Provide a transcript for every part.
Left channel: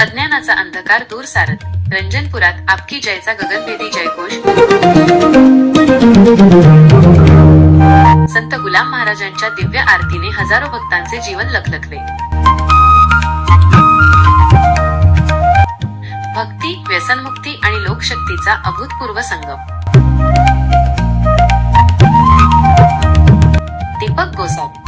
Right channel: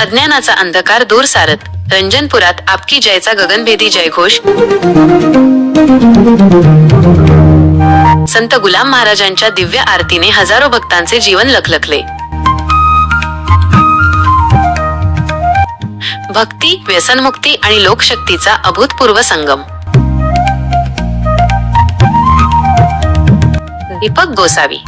अज्ञानाचा अंधकार दूर सारत. रंजनपुरात आपकी जयचा गगनभेदी जयघोष. संत गुलाम महाराजांच्या दिव्य आरतीने हजारो भक्तांचे जीवन लखलखले. भक्ती व्यसनमुक्ती आणि लोकशक्तीचा अभूतपूर्व संगम. दीपक गोसावी.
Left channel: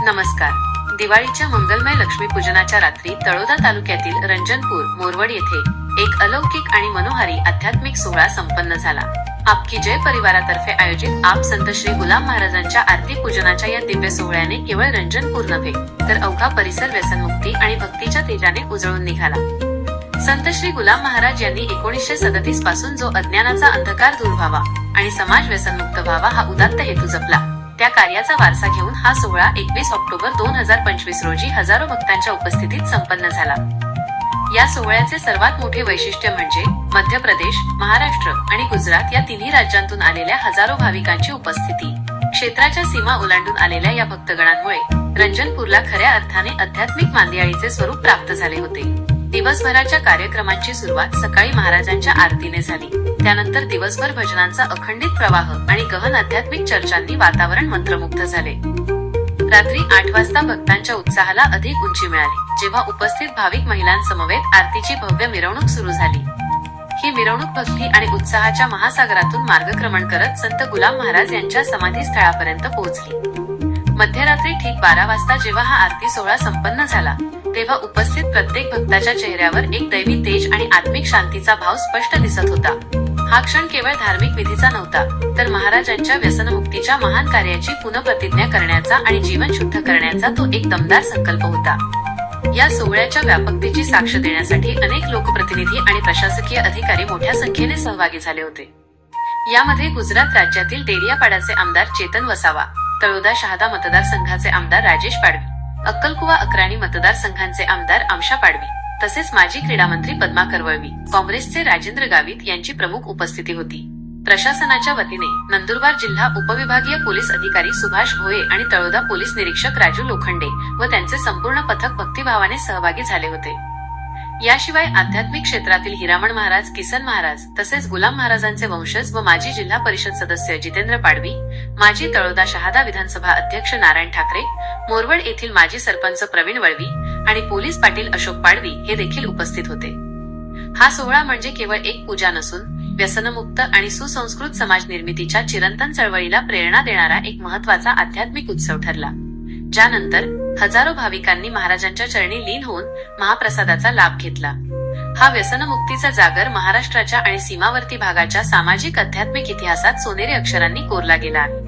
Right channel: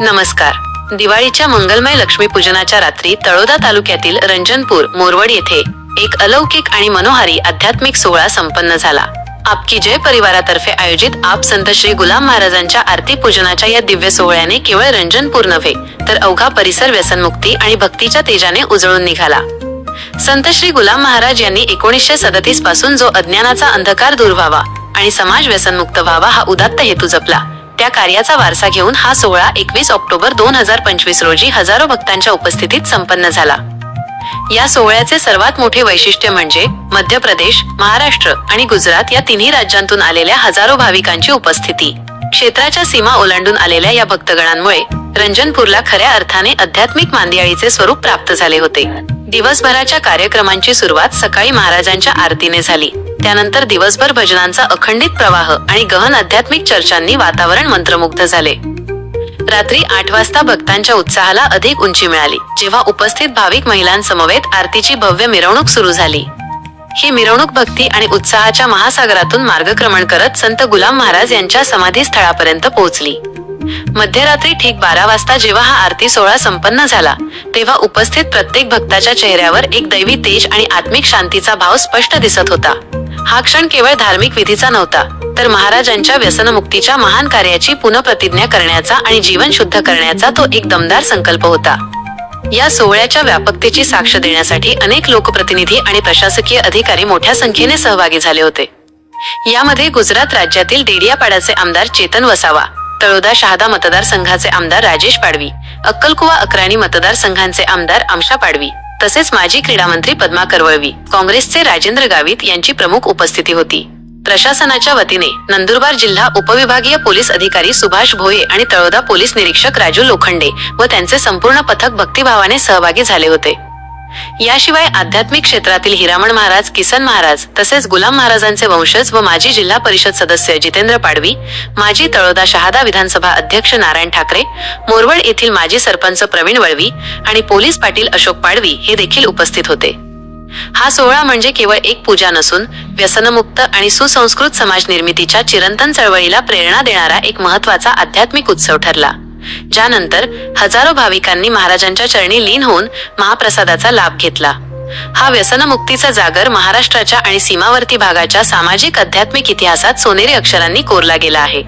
नमस्कार. दिवाळीच्या मंगलमय लक्ष्मीपूजनाच्या रात्री तळोदा तालुक्यातील रंजनपूर मोरवड येथे एक अलौकिक आणि मनोहारी आध्यात्मिक सोहळा संपन्न झाला. आपकी जय परिवारातर्फे आयोजित आप संत श्री गुलाम महाराजांच्या आरती पूजनाच्या या दिव्य सोहळ्याने केवळ रंजनपूर नव्हे तर अवघा परिसर व्यसनमुक्ती आणि भक्तीच्या तेजाने उजळून निघाला. संत श्री गुलाम महाराज यांनी एकोणीसशे सदतीसपासून जो अज्ञानाचा अंधकार दूर व्हावा आणि समाज व्यसनमुक्त व्हावा हा उदात्त हेतू जपला. त्या कार्याचा वारसा घेऊन हा सोहळा एकवीस ऑक्टोबर दोन हजार पंचवीस रोजी हजारो भक्तांच्या उपस्थितीत संपन्न झाला. या सोहळ्याचे सर्वात मोठे वैशिष्ट्य म्हणजे मध्य प्रदेश महाराष्ट्र आणि गुजरात या तिन्ही राज्यांतून आलेल्या हजारो भाविकांची उपस्थिती. क्षेत्राच्या सीमा ओलांडून आलेल्या या भक्तगणांमुळे रंजनपूरला खऱ्या अर्थाने आध्यात्मिक मांदियाळीचे स्वरूप प्राप्त झाले होते. दिवसभराच्या कार्यक्रमांची सुरुवात सकाळी महाराजांच्या आरतीने झाली. त्यानंतर दिवसभर भजनांचा अखंडित प्रवाह आणि गहन आध्यात्मिक चर्चांनी वातावरण मंत्रमुग्ध झाले. रात्री आठ वाजता भक्तांच्या उत्साहाला अधिक उंची मिळाली जेव्हा उपस्थित भाविक महिलांसमवेत आरतीची भव्य मिरवणूक सुरू झाली. ही मिरवणूक भक्ती आणि उत्साहाच्या महासागरातून मार्गक्रमण करत संत गुलाम महाराज यांच्या समाधी स्थळापर्यंत पोहोचली. मध्यरात्री ठीक बारा वाजता जेव्हा हा आरती सोहळा संपन्न झाला तेव्हा उपस्थित प्रत्येक भक्ताच्या चेहऱ्यावर एक दैवी तेज आणि आत्मिक शांतीचा भाव स्पष्ट दिसत होता. हा क्षण केवळ धार्मिक विधीचा नव्हता तर महाराजांच्या व्यसनमुक्तीच्या महान कार्याची पुनप्रतिज्ञा करण्याचा आणि जीवन शुद्ध करण्याचा तो एक दमदार संकल्प होता. या सोहळ्याच्या व्यापकतेची साक्ष देण्यासाठी अनेक लोकप्रतिनिधी आणि प्रशासकीय अधिकारी मोठ्या संख्येने सहभागी झाले होते. यामध्ये गुजरात राज्यातील डेडियापाड्याचे आमदार चेतन वसावा तळोदा शहादा मतदारसंघाचे आमदार राजेश पाडवी अक्कलकुवा अकराणी मतदारसंघांचे आमदार आमशा पाडवी तसेच माजी क्रीडा मंत्री पद्मा करवळवी काँग्रेसचे राजेंद्र गावित यांची प्रमुख उपस्थिती होती. प्रशासनाच्या वतीने नंदुरबार जिल्हा उपविभागीय पोलीस अधिकारी सुभाष भोये आणि तळोदा पोलीस निरीक्षक राजू लोखंडे व त्यांचे संपूर्ण पथक भक्तिभावाने सहभागी झाले होते. याशिवाय आध्यात्मिक क्षेत्रातील हिरामण महाराज किसन महाराज तसेच गुलाम महाराजांचे वंशज व माजी जिल्हा परिषद सदस्य जितेंद्र पाडवी माजी तळोदा शहादा विधानसभा अध्यक्ष नारायण ठाकरे मोरवड येथील माजी सरपंच प्रवीण वळवी आणि पोलीस पाटील अशोक पाडवी हे देखील उपस्थित होते. हा सोहळा म्हणजे केवळ एक पूजा नसून व्यसनमुक्त आणि सुसंस्कृत समाज निर्मितीच्या चिरंतन चळवळीला प्रेरणा देणारा एक महत्त्वाचा आध्यात्मिक उत्सव ठरला. ज्यानंतर हजारो भाविकांनी महाराजांच्या चरणी लीन होऊन महाप्रसादाचा लाभ घेतला. हा व्यसनमुक्तीचा जागर महाराष्ट्राच्या आणि सीमावर्ती भागाच्या सामाजिक अध्यात्मिक इतिहासात सोनेरी अक्षरांनी कोरला गेला आहे.